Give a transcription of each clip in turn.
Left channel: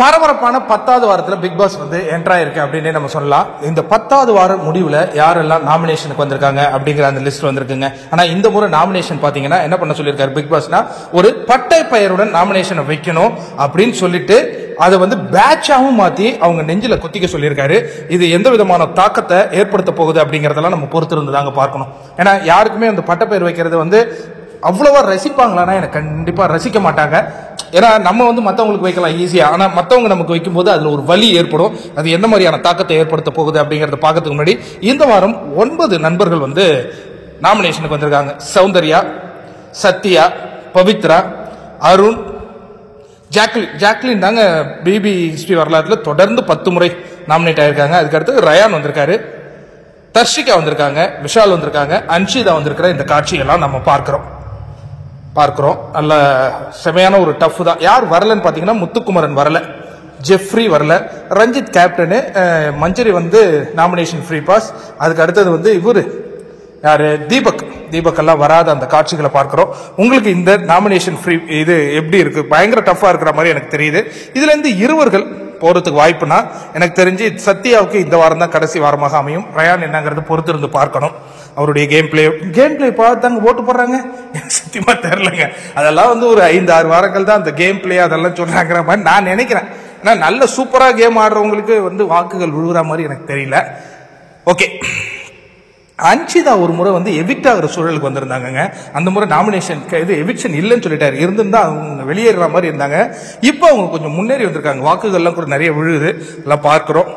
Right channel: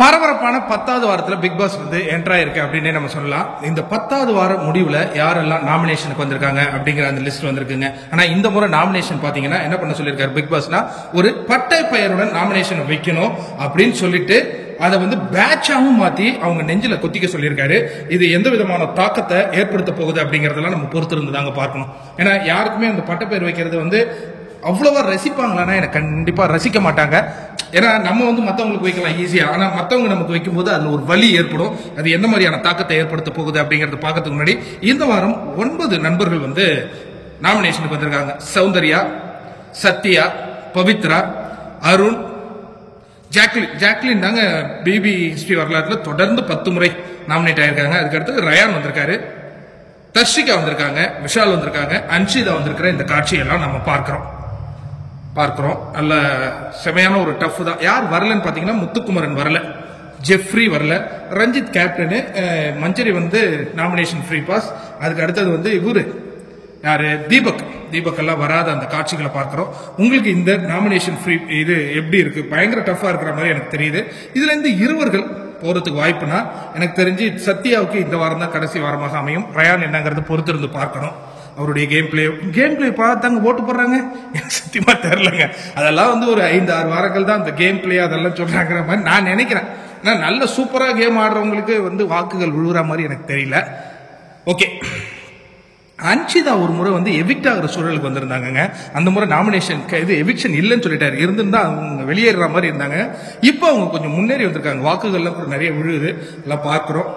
பரபரப்பான 10வது வாரத்துல பிக் பாஸ் வந்து என்ட்ரா இருக்கு அப்படின்னு நம்ம சொல்லலாம். இந்த 10வது வார முடிவுல யாரெல்லாம் நாமினேஷனுக்கு வந்திருக்காங்க அப்படிங்கிற அந்த லிஸ்ட் வந்திருக்குங்க. ஆனா இந்த முறை நாமினேஷன் பாத்தீங்கன்னா என்ன பண்ண சொல்லியிருக்காரு பிக் பாஸ்னா, ஒரு பட்டை பெயருடன் நாமினேஷனை வைக்கணும் அப்படின்னு சொல்லிட்டு அதை வந்து பேட்சாவும் மாத்தி அவங்க நெஞ்சில கொத்திக்க சொல்லியிருக்காரு. இது எந்த விதமான தாக்கத்தை ஏற்படுத்த போகுது அப்படிங்கறதெல்லாம் நம்ம பொறுத்திருந்து தாங்க பார்க்கணும். ஏன்னா யாருக்குமே அந்த பட்டை பெயர் வைக்கிறது வந்து அவ்வளவா ரசிப்பாங்களான்னா எனக்கு கண்டிப்பா ரசிக்க மாட்டாங்க. ஏன்னா நம்ம வந்து மற்றவங்களுக்கு வைக்கலாம் ஈஸியா, ஆனா மற்றவங்க நமக்கு வைக்கும் போது அதுல ஒரு வலி ஏற்படும். அது எந்த மாதிரியான தாக்கத்தை ஏற்படுத்த போகுது அப்படிங்கறத பார்க்கறதுக்கு முன்னாடி இந்த வாரம் 9 நண்பர்கள் வந்து நாமினேஷனுக்கு வந்திருக்காங்க. சௌந்தர்யா, சத்யா, பவித்ரா, அருண், ஜாக்லின் தாங்க பிபி ஹிஸ்டரி வரலாற்றுல தொடர்ந்து 10 முறை நாமினேட் ஆயிருக்காங்க. அதுக்கடுத்து ரயான் வந்திருக்காரு, தர்ஷிகா வந்திருக்காங்க, விஷால் வந்திருக்காங்க, அன்ஷிதா வந்திருக்கிற இந்த காட்சியெல்லாம் நம்ம பார்க்கிறோம். நல்ல செமையான ஒரு டஃப் தான். யார் வரலன்னு பாத்தீங்கன்னா முத்துக்குமரன் வரல, ஜெஃப்ரி வரல, ரஞ்சித் கேப்டனு, மஞ்சரி வந்து நாமினேஷன் ஃப்ரீ பாஸ். அதுக்கு அடுத்தது வந்து இவரு யாரு தீபக் எல்லாம் வராத அந்த காட்சிகளை பார்க்கிறோம். உங்களுக்கு இந்த நாமினேஷன் ஃப்ரீ இது எப்படி இருக்கு? பயங்கர டஃபா இருக்கிற மாதிரி எனக்கு தெரியுது. இதுல இருந்து இருவர்கள் போறதுக்கு வாய்ப்புனா எனக்கு தெரிஞ்சு சத்யாவுக்கு இந்த வாரம் தான் கடைசி வாரமாக அமையும். ரயான் என்னங்கிறது பொறுத்திருந்து பார்க்கணும். அவருடைய கேம் பிளே பார்த்தாங்க ஓட்டு போடுறாங்க. எனக்கு சத்தியமா தெரியலங்க. அதெல்லாம் வந்து ஒரு 5-6 வாரங்கள் தான் அந்த கேம் பிளே அதெல்லாம் சொல்றாங்கிற மாதிரி நான் நினைக்கிறேன். ஏன்னா நல்ல சூப்பரா கேம் ஆடுறவங்களுக்கு வந்து வாக்குகள் விழுகிற மாதிரி எனக்கு தெரியல. ஓகே, அன்ஷிதா ஒரு முறை வந்து எவிக்ட் ஆகிற சூழலுக்கு வந்திருந்தாங்க. அந்த முறை நாமினேஷன் இது எவிக்ஷன் இல்லைன்னு சொல்லிட்டாரு. இருந்திருந்தா அவங்க வெளியேற மாதிரி இருந்தாங்க. இப்போ அவங்க கொஞ்சம் முன்னேறி வந்திருக்காங்க. வாக்குகள்லாம் கூட நிறைய விழுகுது. எல்லாம் பார்க்கிறோம்,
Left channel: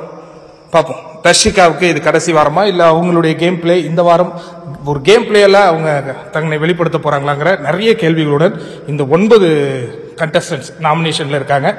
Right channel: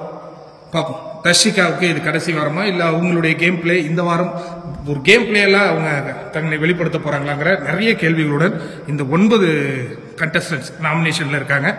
பார்ப்போம். தர்ஷிகாவுக்கு இது கடைசி வாரமா இல்ல அவங்களுடைய கேம் பிளே இந்த வாரம் ஒரு கேம் பிளே எல்லாம் அவங்க தங்களை வெளிப்படுத்த போறாங்களாங்கிற நிறைய கேள்விகளுடன் இந்த 9 கண்டஸ்டன்ட்ஸ் நாமினேஷன்ல இருக்காங்க.